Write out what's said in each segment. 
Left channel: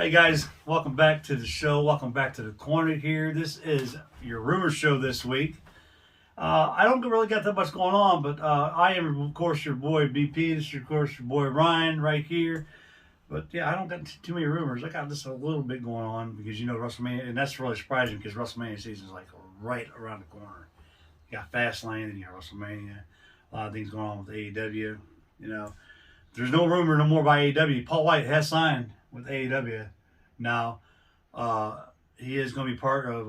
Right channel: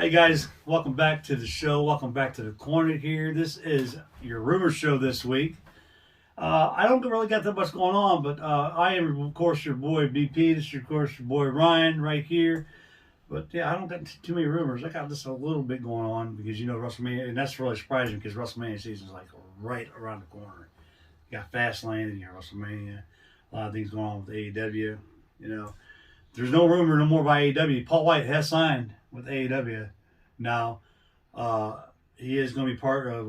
Hey guys, welcome back to the show. Welcome back to the corner here. This is your rumor show this week. I don't really got that much going on, but I am, of course, your boy BP. This is, of course, your boy Ryan right here. But yeah, I don't got too many rumors. I got just a little bit going on because WrestleMania, and that's really surprising because WrestleMania season is like right around the corner. You got Fastlane and you got WrestleMania. A lot of things going on with AEW. There's no rumor no more by AEW. Paul White has signed with AEW now. He is going to be part of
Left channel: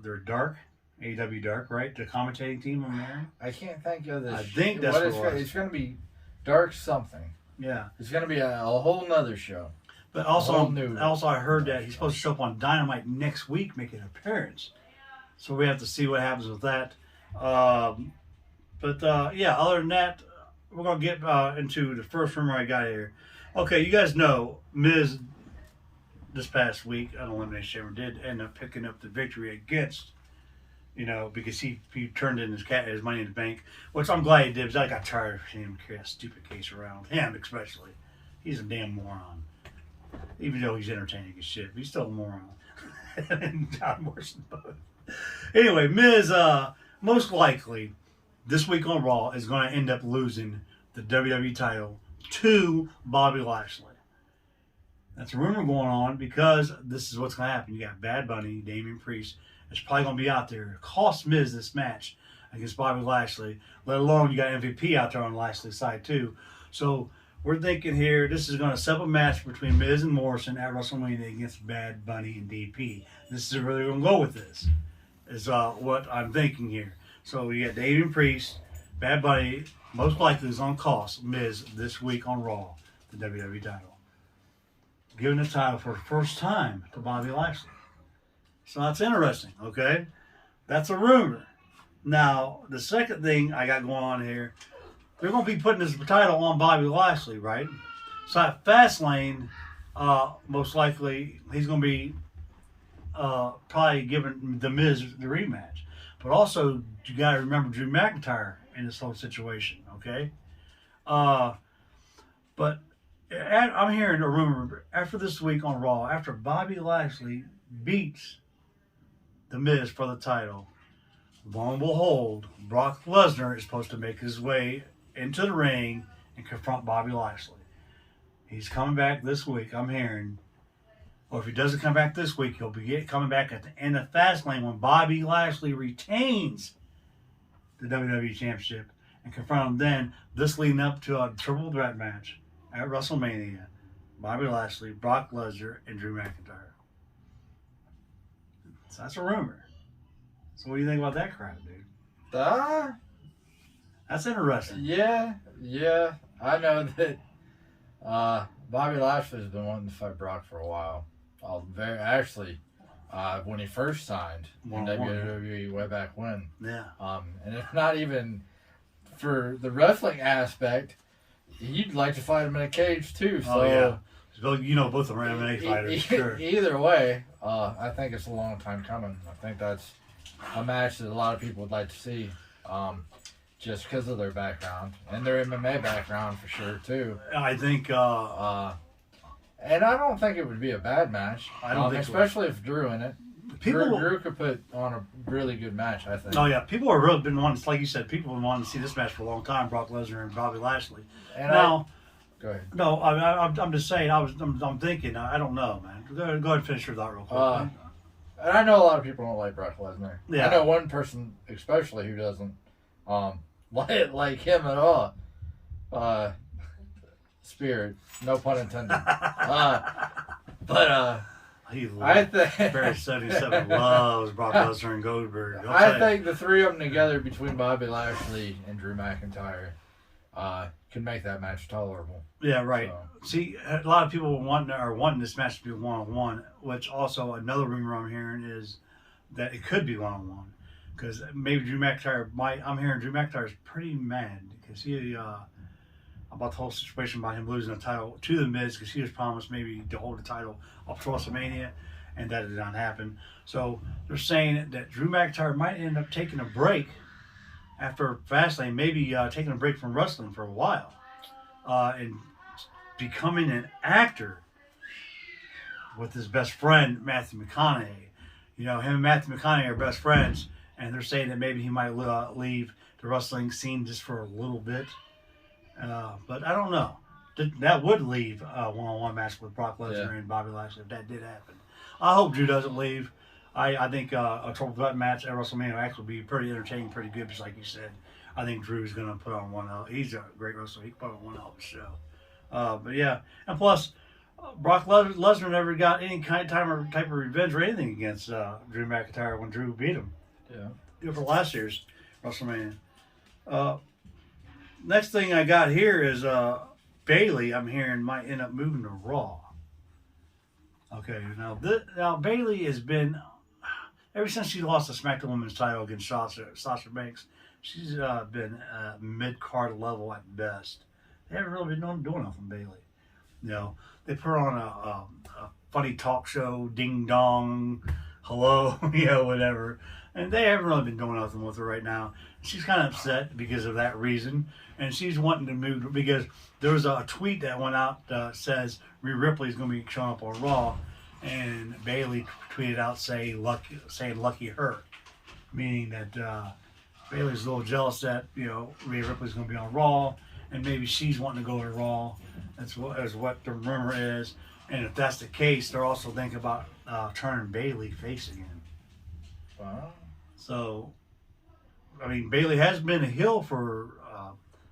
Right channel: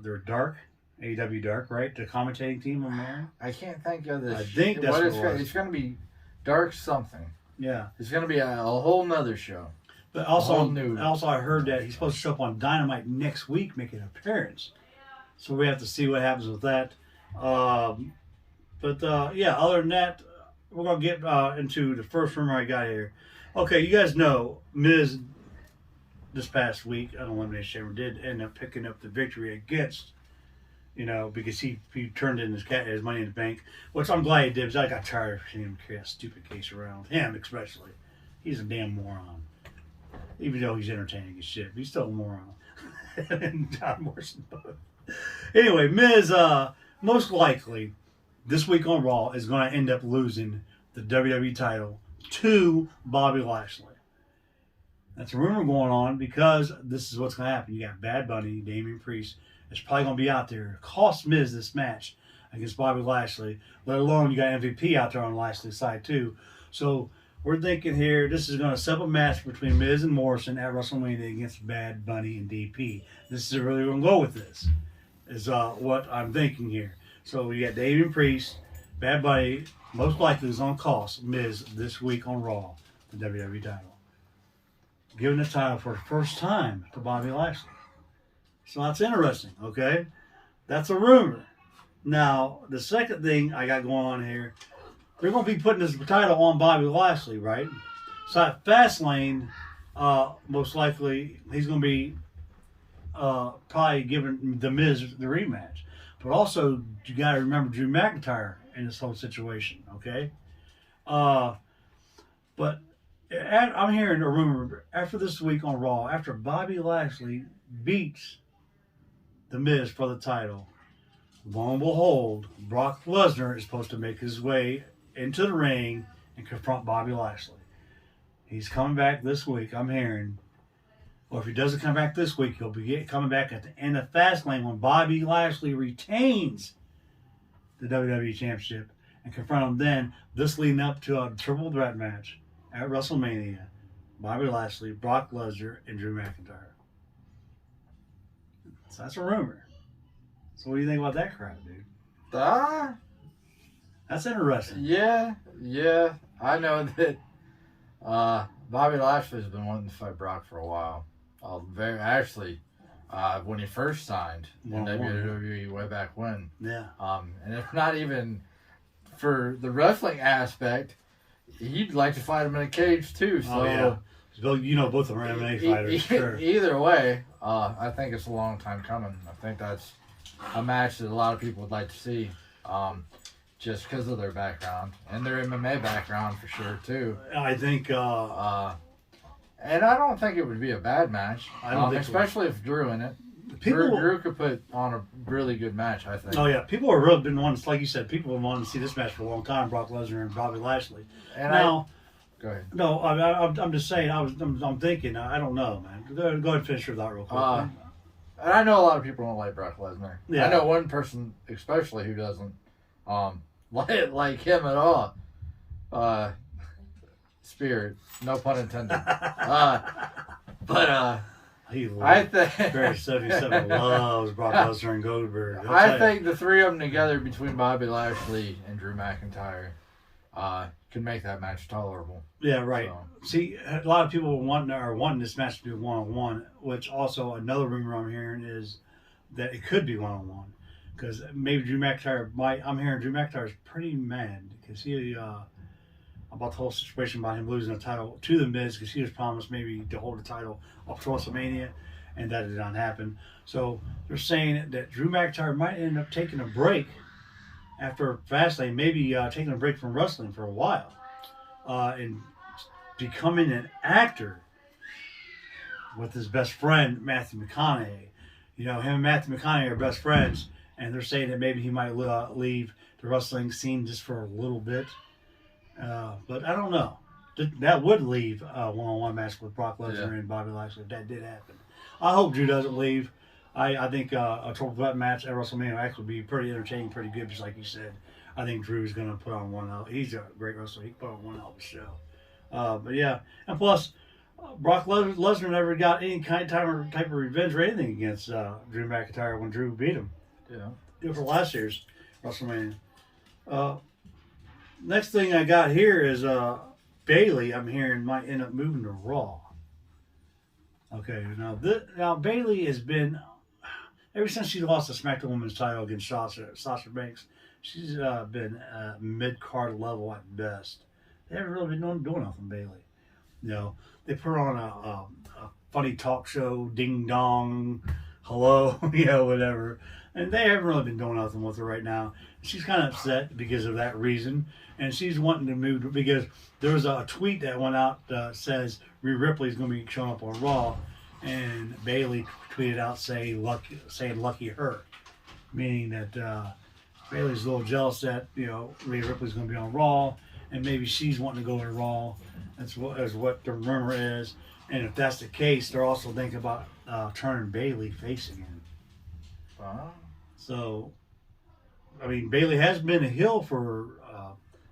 their Dark, AEW Dark, right? The commentating team on there. I can't think of this. I think that's what it's going to be. Dark something. Yeah. It's going to be a whole nother show. But also I heard that he's supposed to show up on Dynamite next week, making an appearance. So we have to see what happens with that. Yeah, other than that, we're going to get into the first rumor I got here. Okay, you guys know Miz this past week on Elimination Chamber did end up picking up the victory against, because he turned in his money in the bank, which I'm glad he did, because I got tired of seeing him carry a stupid case around. Him, especially. He's a damn moron. Even though he's entertaining as shit, but he's still a moron. And John Morrison both. Anyway, Miz, most likely, this week on Raw, is going to end up losing the WWE title to Bobby Lashley. That's a rumor going on because this is what's going to happen. You got Bad Bunny, Damian Priest. It's probably going to be out there. Cost Miz this match against Bobby Lashley. Let alone you got MVP out there on Lashley's side too. So we're thinking here this is going to set up a match between Miz and Morrison at WrestleMania against Bad Bunny and DP. This is really going to go with this. Is what I'm thinking here. So we got Damian Priest, Bad Bunny, most likely is on cost Miz this week on Raw, the WWE title. Giving the title for the first time to Bobby Lashley. So that's interesting, okay? That's a rumor. Now, the second thing I got going on here, they're going to be putting this title on Bobby Lashley, right? So at Fastlane, most likely, he's going to be probably giving The Miz the rematch. But also, you got to remember Drew McIntyre in this whole situation, okay? But I'm hearing a rumor after this week on Raw, after Bobby Lashley beats The Miz for the title, lo and behold, Brock Lesnar is supposed to make his way into the ring and confront Bobby Lashley. He's coming back this week, I'm hearing. Or if he doesn't come back this week, he'll be coming back at the end of Fastlane when Bobby Lashley retains the WWE Championship and confront him then, this leading up to a triple threat match at WrestleMania. Bobby Lashley, Brock Lesnar, and Drew McIntyre. So that's a rumor. So what do you think about that crap, dude? That's interesting. Yeah. I know that Bobby Lashley's been wanting to fight Brock for a while. When he first signed in WWE way back when. Yeah. And if not even for the wrestling aspect, he'd like to fight him in a cage too. So, yeah. Both of them are MMA fighters. Sure. Either way, I think it's a long time coming. I think that's a match that a lot of people would like to see, just because of their background and their MMA background for sure too. I think. And I don't think it would be a bad match. I don't think especially if Drew in it. Drew could put on a really good match, I think. Oh yeah, people have really been wanting, like you said, people have been wanting to see this match for a long time. Brock Lesnar and Bobby Lashley. And now, go ahead. No, I'm just saying. I'm thinking. I don't know, man. Go ahead and finish your thought real quick. And I know a lot of people don't like Brock Lesnar. Yeah. I know one person especially who doesn't like him at all. Spirit, no pun intended. I think Barry 77 loves Brock Lesnar and Goldberg. I think the three of them together between Bobby Lashley and Drew McIntyre can make that match tolerable. Yeah, right. So. See, a lot of people are wanting this match to be one-on-one, which also another rumor I'm hearing is that it could be one-on-one. Because maybe Drew McIntyre I'm hearing Drew McIntyre is pretty mad because he about the whole situation about him losing the title to The Miz because he was promised maybe to hold the title up to WrestleMania, and that did not happen. So they're saying that Drew McIntyre might end up taking a break after Fastlane, maybe taking a break from wrestling for a while and becoming an actor with his best friend Matthew McConaughey. You know, him and Matthew McConaughey are best friends, and they're saying that maybe he might leave the wrestling scene just for a little bit. But I don't know. That would leave a one-on-one match with Brock Lesnar and Bobby Lashley if that did happen. I hope Drew doesn't leave. I think a triple threat match at WrestleMania will actually be pretty entertaining, pretty good, just like you said. I think Drew's going to put on one. He's a great wrestler. He can put on one hell of a show. But yeah, and plus, Brock Lesnar never got any type of revenge or anything against Drew McIntyre when Drew beat him. Yeah. For last year's WrestleMania. Next thing I got here is Bayley. I'm hearing might end up moving to Raw. Okay, now Bayley has been ever since she lost the SmackDown Women's title against Sasha Banks. She's been mid-card level at best. They haven't really been doing nothing, Bayley. You know, they put her on a funny talk show, ding dong, hello, whatever. And they haven't really been doing nothing with her right now. She's kind of upset because of that reason. And she's wanting to move because there was a tweet that went out says Rhea Ripley is going to be showing up on Raw. And Bayley tweeted out saying lucky her. Meaning that Bayley's a little jealous that, Rhea Ripley's going to be on Raw. And maybe she's wanting to go to Raw. That's what the rumor is. And if that's the case, they're also thinking about turning Bayley face again. So, I mean, Bayley has been a heel for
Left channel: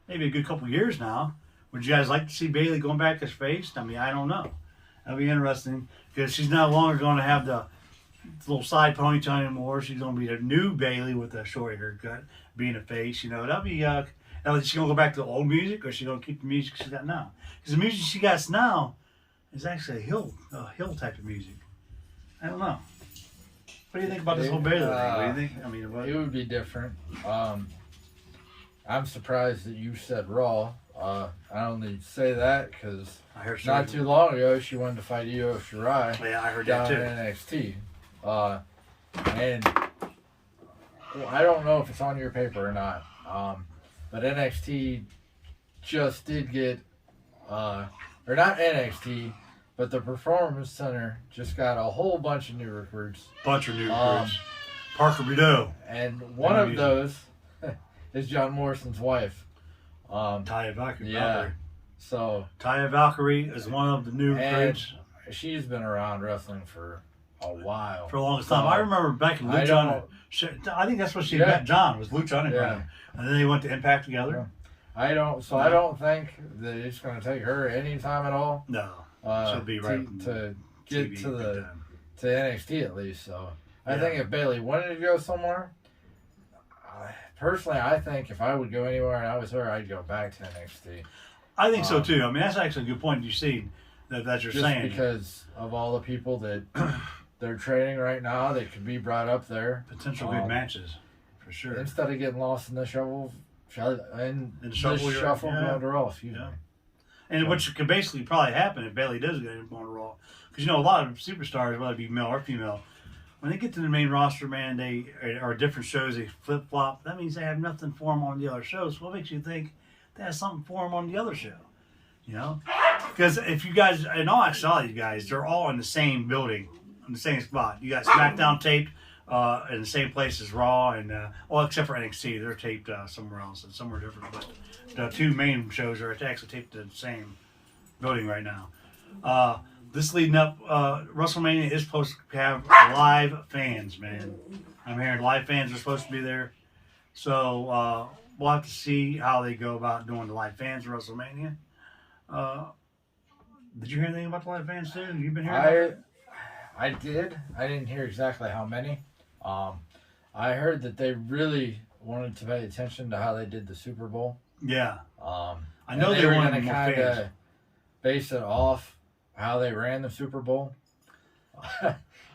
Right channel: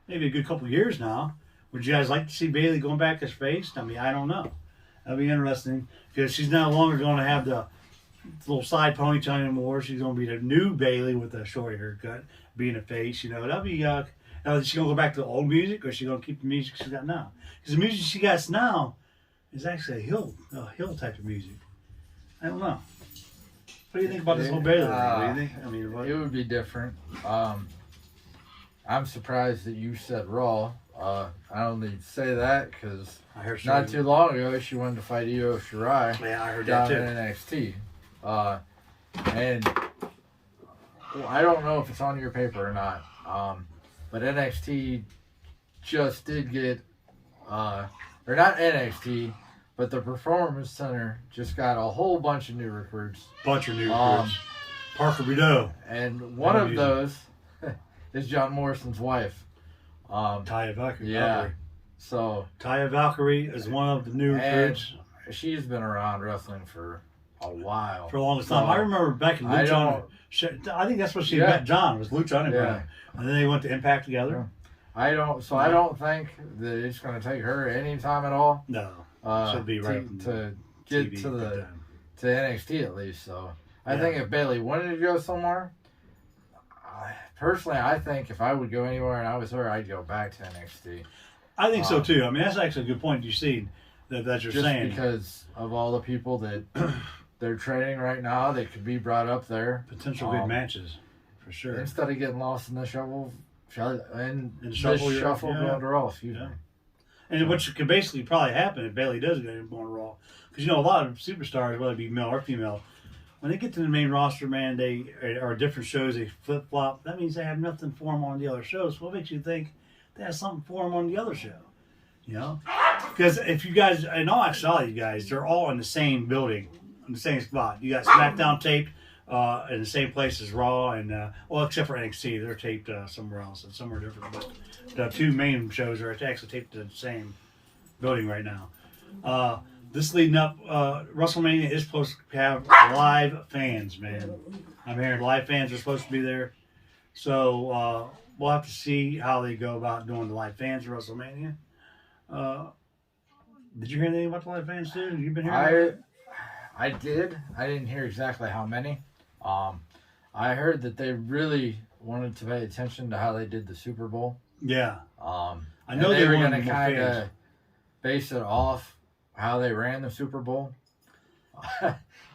maybe a good couple years now. Would you guys like to see Bayley going back as face? I mean, I don't know. That'd be interesting because she's no longer going to have the little side ponytail anymore. She's going to be the new Bayley with a short haircut, being a face. That'd be. Is she going to go back to the old music, or is she going to keep the music she's got now? Because the music she got now is actually a hill type of music. I don't know. What do you think about this whole Bayley thing? What do you think? I mean, it would be different. I'm surprised that you said Raw. I only say that because not too long ago she wanted to fight Io Shirai. Yeah, I heard that too. In NXT. And I don't know if it's on your paper or not. But NXT just did get, or not NXT, but the Performance Center just got a whole bunch of new recruits. Parker Boudreaux. And one of those is John Morrison's wife. Taya Valkyrie. Yeah. So Taya Valkyrie is one of the new recruits. She's been around wrestling for a while. For the longest time. I remember back in Lucha Underground. I think that's what she met John, was Lucha Underground. Yeah. And then they went to Impact together. I don't think that it's going to take her any time at all. No. She'll be right to get TV to NXT at least. So I think if Bayley wanted to go somewhere, personally, I think if I would go anywhere and I was her, I'd go back to NXT. I think so too. I mean, that's actually a good point you see that you're saying. Because of all the people that they're training right now, that could be brought up there. Potential good matches, for sure. Instead of getting lost in the shuffle going to Raw, excuse me. And which could basically probably happen if Bayley does go on Raw. Because, a lot of superstars, whether it be male or female, when they get to the main roster, man, they are different shows, they flip-flop. That means they have nothing for them on the other shows. What makes you think they have something for them on the other show? Because if you guys, in all actuality, you guys, they're all in the same building, in the same spot. You got SmackDown taped in the same place as Raw, and except for NXT, they're taped somewhere else, and somewhere different. But the two main shows are actually taped in the same building right now. This leading up, WrestleMania is supposed to have live fans, man. I'm hearing live fans are supposed to be there. So we'll have to see how they go about doing the live fans at WrestleMania. Did you hear anything about the live fans too? You've been hearing I did. I didn't hear exactly how many. I heard that they really wanted to pay attention to how they did the Super Bowl. Yeah. I know they were going to kind of base it off how they ran the Super Bowl.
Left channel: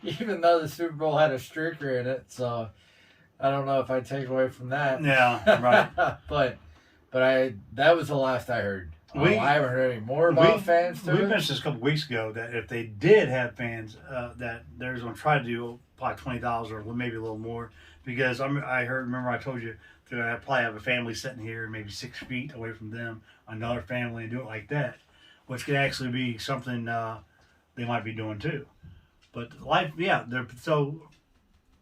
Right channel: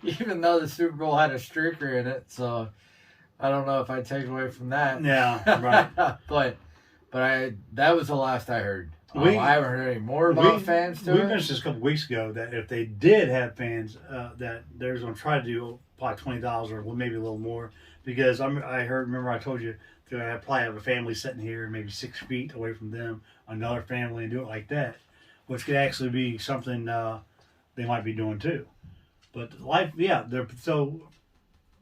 Even though the Super Bowl had a streaker in it, so I don't know if I take away from that. Yeah, right. but that was the last I heard. I haven't heard any more about fans to it. We mentioned this a couple weeks ago that if they did have fans, that they're going to try to do probably $20 or maybe a little more. Because remember I told you that I'd probably have a family sitting here maybe 6 feet away from them, another family, and do it like that. Which could actually be something that they might be doing too. But life, yeah. So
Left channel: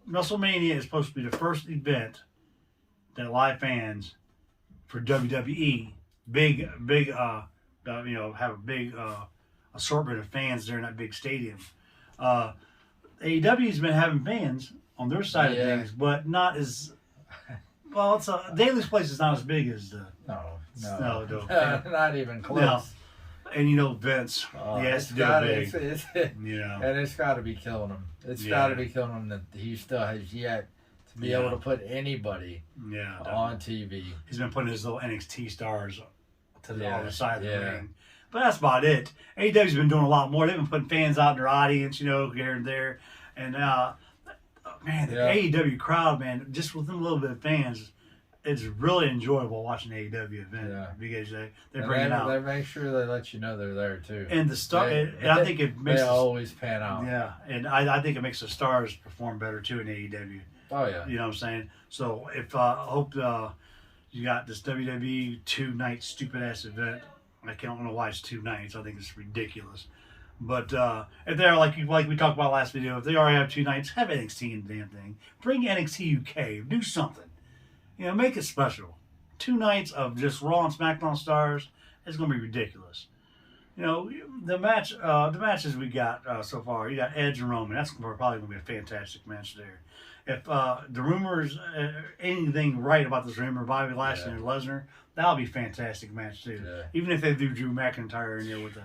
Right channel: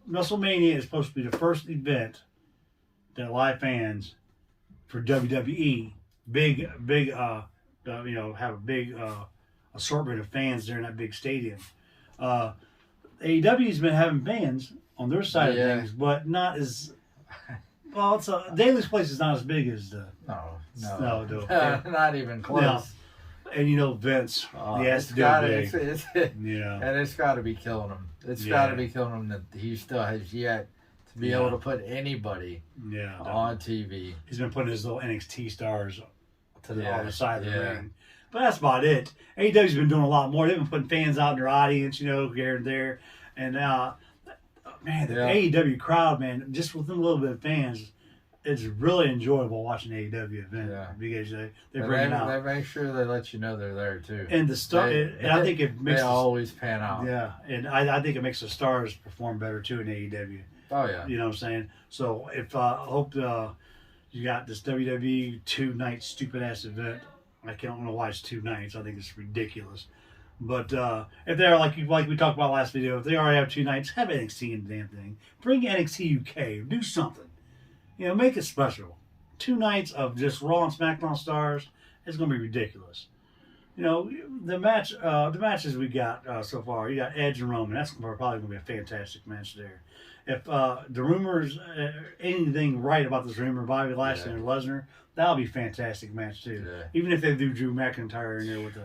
WrestleMania is supposed to be the first event that live fans for WWE, have a big assortment of fans there in that big stadium. AEW's been having fans on their side of things, but not as well. It's Daly's place is not as big as the no, not even close. No. And Vince, he has to do it big. And it's got to be killing him. It's got to be killing him that he still has yet to be able to put anybody on TV. He's been putting his little NXT stars to the other side of the ring. But that's about it. AEW's been doing a lot more. They've been putting fans out in their audience, here and there. And, man, the AEW crowd, man, just with them little bit of fans, it's really enjoyable watching the AEW event because they bring it out. They make sure they let you know they're there, too. And I think it makes... They always pan out. Yeah, and I think it makes the stars perform better, too, in AEW. Oh, yeah. You know what I'm saying? So, I hope you got this WWE 2-night stupid-ass event. I don't know why it's 2 nights. I think it's ridiculous. But if they're like we talked about last video, if they already have 2 nights, have NXT in the damn thing. Bring NXT UK. Do something. Make it special. 2 nights of just Raw and SmackDown stars. It's going to be ridiculous. The matches we got so far. You got Edge and Roman. That's probably going to be a fantastic match there. If the rumors, anything right about this rumor, Bobby Lashley and Lesnar, that'll be a fantastic match too. Yeah. Even if they do Drew McIntyre in there with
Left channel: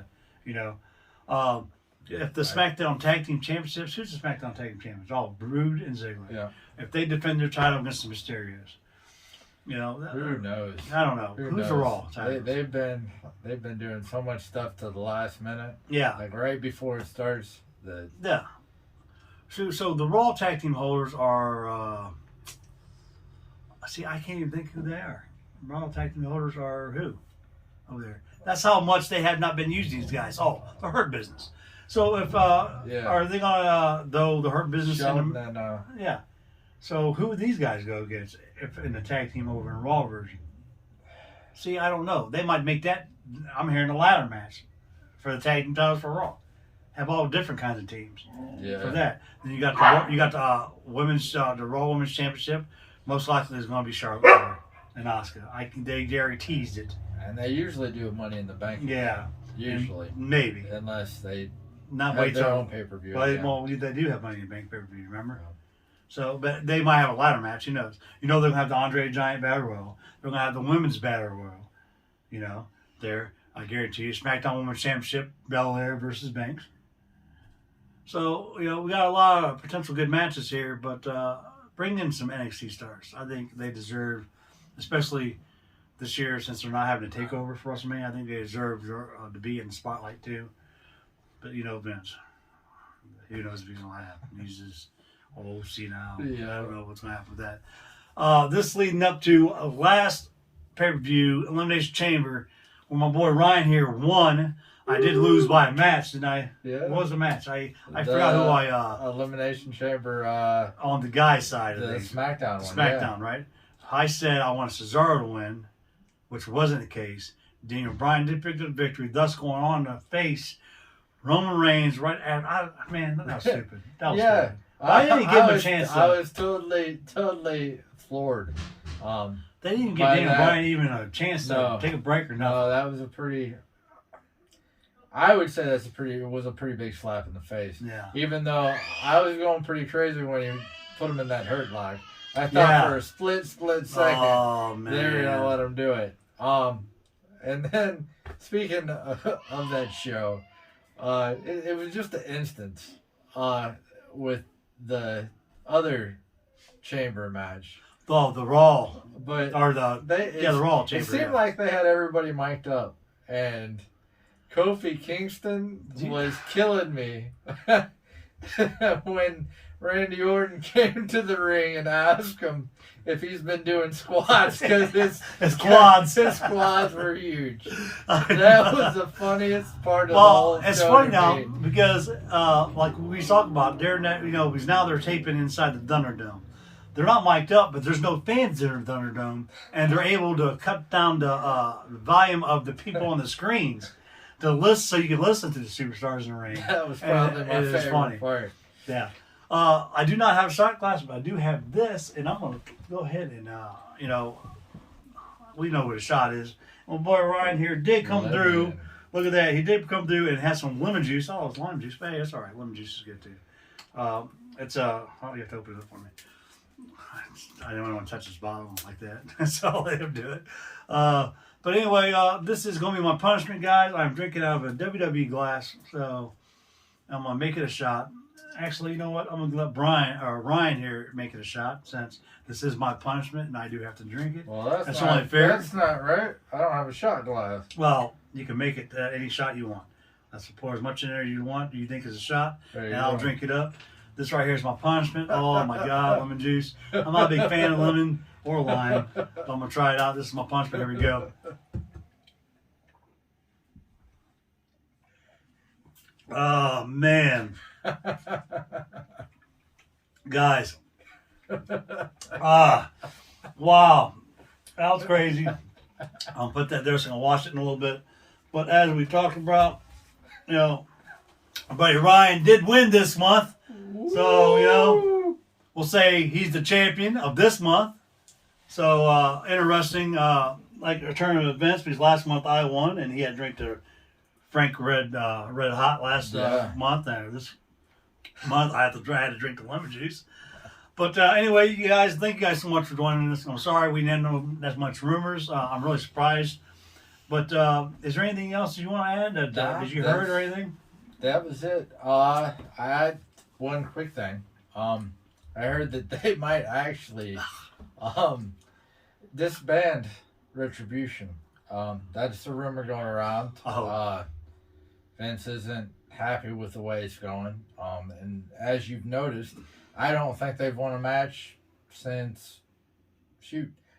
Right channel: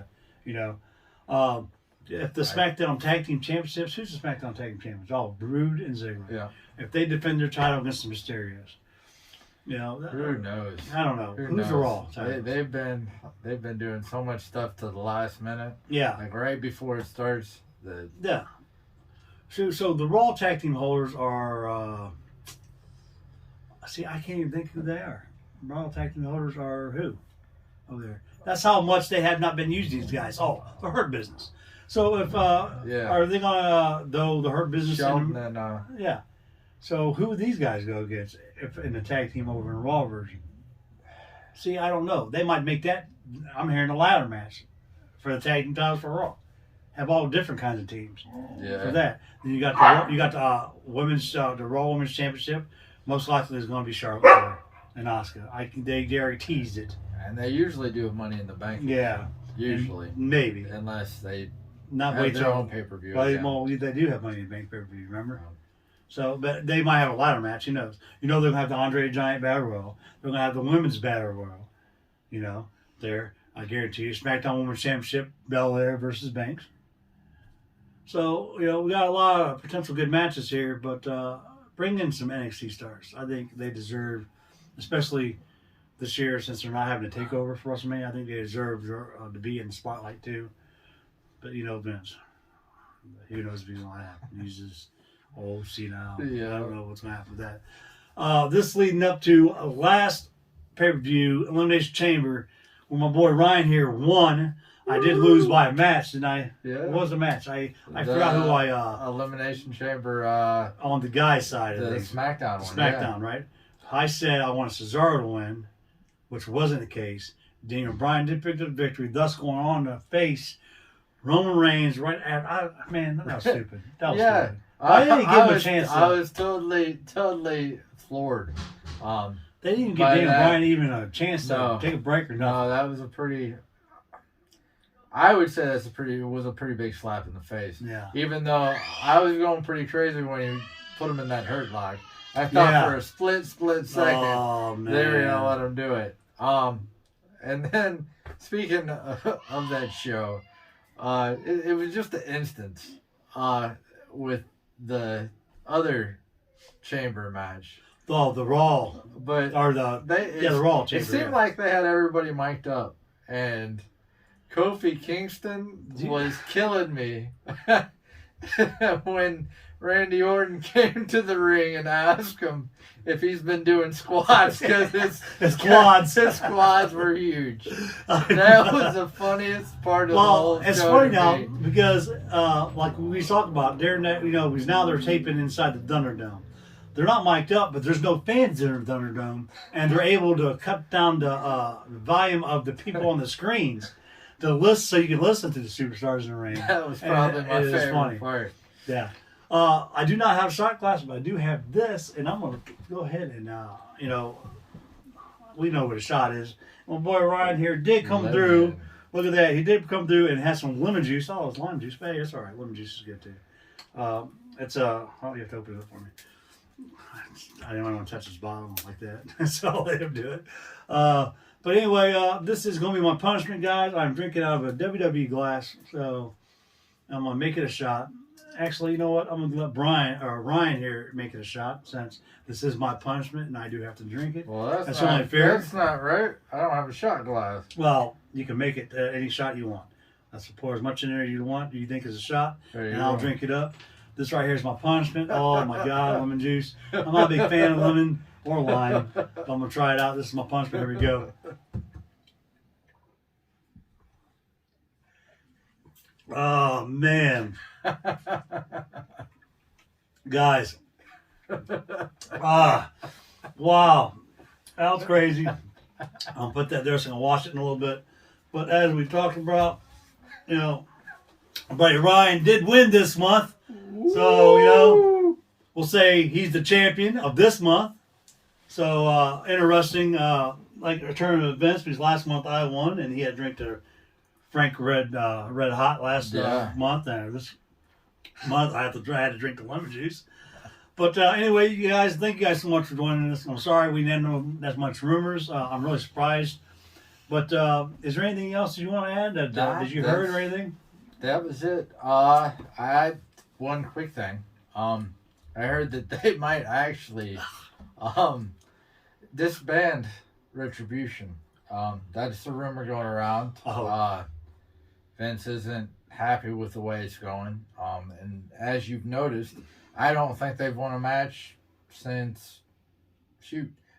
if the SmackDown Tag Team Championships, who's the SmackDown Tag Team Champions? All Brood and Ziggler. Yeah. If they defend their title against the Mysterios, who knows? I don't know. Who's the Raw? They've been doing so much stuff to the last minute. Yeah. Like right before it starts. Yeah. So the Raw Tag Team holders are. I can't even think who they are. Raw Tag Team holders are who? Over there. That's how much they have not been using these guys. Oh, the Hurt Business. So if are they gonna the Hurt Business? Yeah. So who would these guys go against if in the tag team over in Raw version? See, I don't know. They might make that. I'm hearing a ladder match for the tag team titles for Raw. Have all different kinds of teams for that. Then you got the women's the Raw Women's Championship. Most likely is going to be Charlotte Flair and Asuka. They already teased it. And they usually do Money in the Bank. Yeah. Usually. Maybe. Unless they have their own pay-per-view. Well, they do have Money in the Bank pay-per-view, remember? Oh. So, but they might have a ladder match, who knows? They're going to have the Andre the Giant Battle Royal. They're going to have the Women's Battle Royal. There. I guarantee you. SmackDown Women's Championship, Belair versus Banks. So, we got a lot of potential good matches here, but bring in some NXT stars. I think they deserve, especially this year, since they're not having a takeover for WrestleMania, I think they deserve to be in the spotlight too. But Vince, who knows if he's going to happen? He's just old, senile. I don't know what's going to happen with that. This leading up to last pay-per-view, Elimination Chamber, where my boy Ryan here won. I did lose by a match, didn't I? Yeah. What was the match? I forgot who I... Elimination Chamber... on the guy's side of things. The SmackDown one. SmackDown, right? I said I wanted Cesaro to win, which wasn't the case. Daniel Bryan did pick up the victory, thus going on to face Roman Reigns right at... Man, that was stupid. That was stupid. I didn't give him a chance. I was totally floored. They didn't even give Daniel Bryan even a chance to take a break or nothing. No, that was a pretty... I would say it was a pretty big slap in the face. Yeah. Even though I was going pretty crazy when you put him in that hurt lock. I thought for a split second, they were going to let him do it. And then, speaking of that show, it was just an instance with the other chamber match. Oh, the Raw. But the Raw chamber. It seemed like they had everybody mic'd up. And Kofi Kingston was killing me when Randy Orton came to the ring and asked him if he's been doing squats because his quads were huge. That was the funniest part of the whole show. It's funny now because, like we talked about, because now they're taping inside the Thunderdome. They're not mic'd up, but there's no fans in the Thunderdome, and they're able to cut down the volume of the people on the screens. to listen so you can listen to the superstars in the ring. That was probably my It is favorite funny. part. Yeah. I do not have a shot glass, but I do have this, and I'm going to go ahead and, we know what a shot is. My boy Ryan here did come through. Look at that. He did come through and has some lemon juice. Oh, it's lime juice. Hey, that's all right. Lemon juice is good, too. Oh, you have to open it up for me. I don't want to touch his bottle like that. So I'll let him do it. But anyway, this is going to be my punishment, guys. I'm drinking out of a WWE glass, so I'm going to make it a shot. Actually, you know what? I'm going to let Ryan here make it a shot, since this is my punishment and I do have to drink it. Well, that's only fair. That's not right. I don't have a shot glass. Well, you can make it any shot you want. That's pour as much in there you want, you think is a shot, and I'll drink it up. This right here is my punishment. Oh my God, lemon juice. I'm not a big fan of lemon or lime, but I'm going to try it out. This is my punishment. Here we go. Oh, man. Guys. Wow. That was crazy. I'll put that there so I'm going to wash it in a little bit. But as we talked about, our buddy Ryan did win this month. So, we'll say he's the champion of this month. So, interesting, like a turn of events, because last month I won, and he had drank the Frank Red Hot last month, and this month I had to drink the lemon juice. But anyway, you guys, thank you guys so much for joining us. I'm sorry we didn't know that much rumors. I'm really surprised. But is there anything else you want to add? Did you heard or anything? That was it. I had one quick thing. I heard that they might actually disband Retribution. That's the rumor going around. Vince isn't happy with the way it's going. And as you've noticed, I don't think they've won a match since,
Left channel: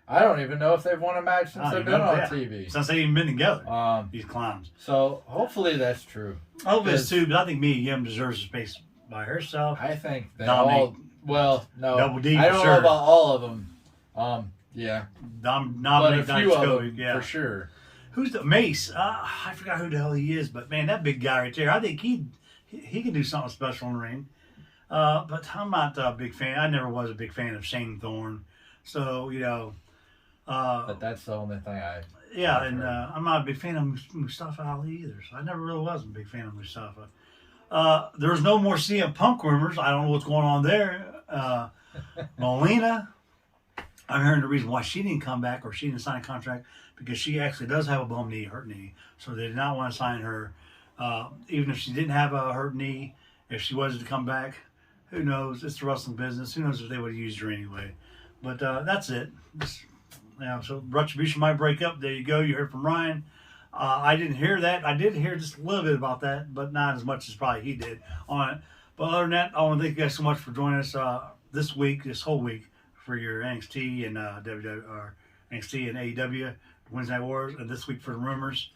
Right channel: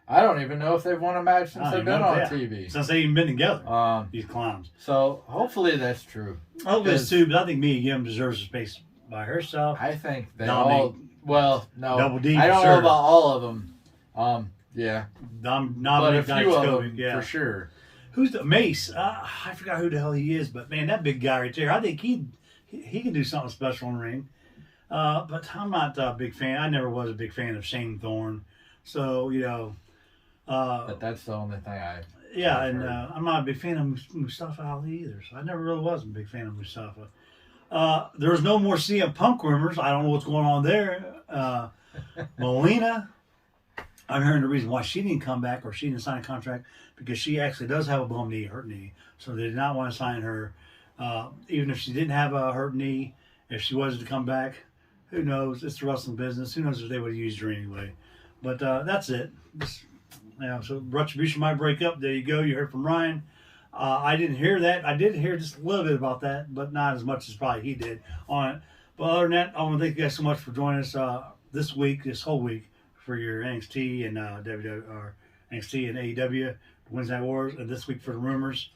I don't even know if they've won a match since they've been on TV. Since they've even been together. These clowns. So hopefully that's true. I hope it's too, but I think Mia Yim deserves a space by herself. I think they Dominic, no. Double D, I don't for sure. know about all of them. Yeah. But a few of them, yeah. for sure. Who's the Mace? I forgot who the hell he is, but man, that big guy right there, I think he can do something special in the ring. But I'm not a big fan. I never was a big fan of Shane Thorne. So, but that's the only thing I'm not a big fan of Mustafa Ali either. So I never really was a big fan of Mustafa. There's no more CM Punk rumors. I don't know what's going on there. Melina, I'm hearing the reason why she didn't come back or she didn't sign a contract, because she actually does have a bum knee, hurt knee. So they did not want to sign her. Even if she didn't have a hurt knee, if she was to come back, who knows? It's the wrestling business. Who knows if they would have used her anyway. But that's it. So Retribution might break up. There you go. You heard from Ryan. I didn't hear that. I did hear just a little bit about that, but not as much as probably he did on it. But other than that, I want to thank you guys so much for joining us this whole week, for your NXT and NXT and AEW Wednesday Night Wars, and this week for the rumors.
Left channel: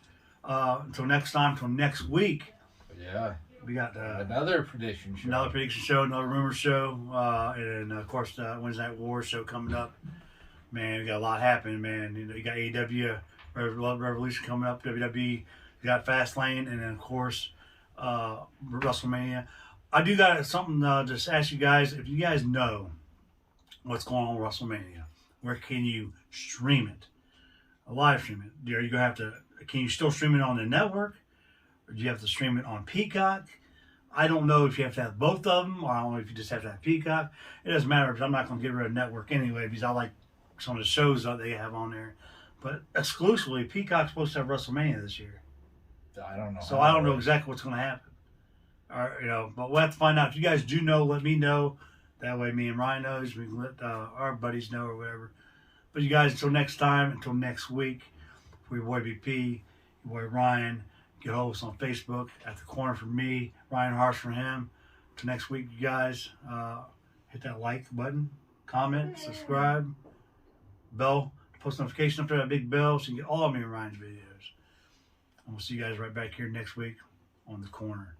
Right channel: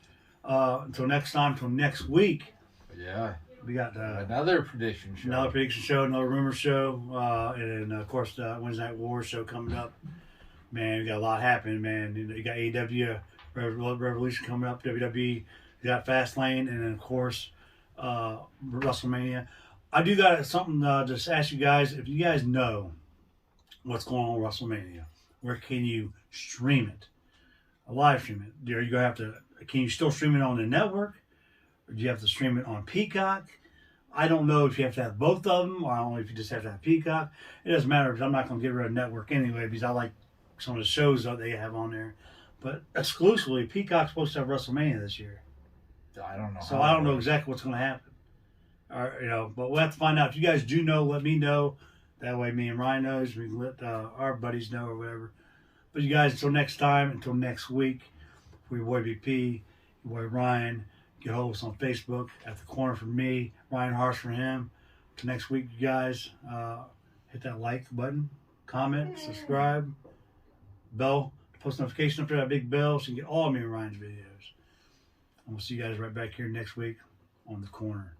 Until next time, until next week. Yeah. We got another prediction show. Another rumor show, and of course the Wednesday Night Wars show coming up. Man, we got a lot happening, man. You got AEW Revolution coming up, WWE, you got Fastlane, and then of course WrestleMania. I do got something just ask you guys, if you guys know what's going on with WrestleMania, where can you stream it? Live stream it. Are you gonna have to? Can you still stream it on the network, or do you have to stream it on Peacock? I don't know if you have to have both of them, or I don't know if you just have to have Peacock. It doesn't matter, because I'm not gonna get rid of network anyway, because I like some of the shows that they have on there. But exclusively, Peacock's supposed to have WrestleMania this year. I don't know. So I don't know exactly what's going to happen. But we'll have to find out. If you guys do know, let me know. That way, me and Ryan knows. We can let our buddies know or whatever. But you guys, until next time, until next week, for your boy BP, your boy Ryan, get hold of us on Facebook, At the Corner for me, Ryan Harsh for him. Till next week, you guys, hit that like button, comment, subscribe, bell, post notification up there, that big bell, so you can get all of me and Ryan's videos. And we'll see you guys right back here next week on The Corner.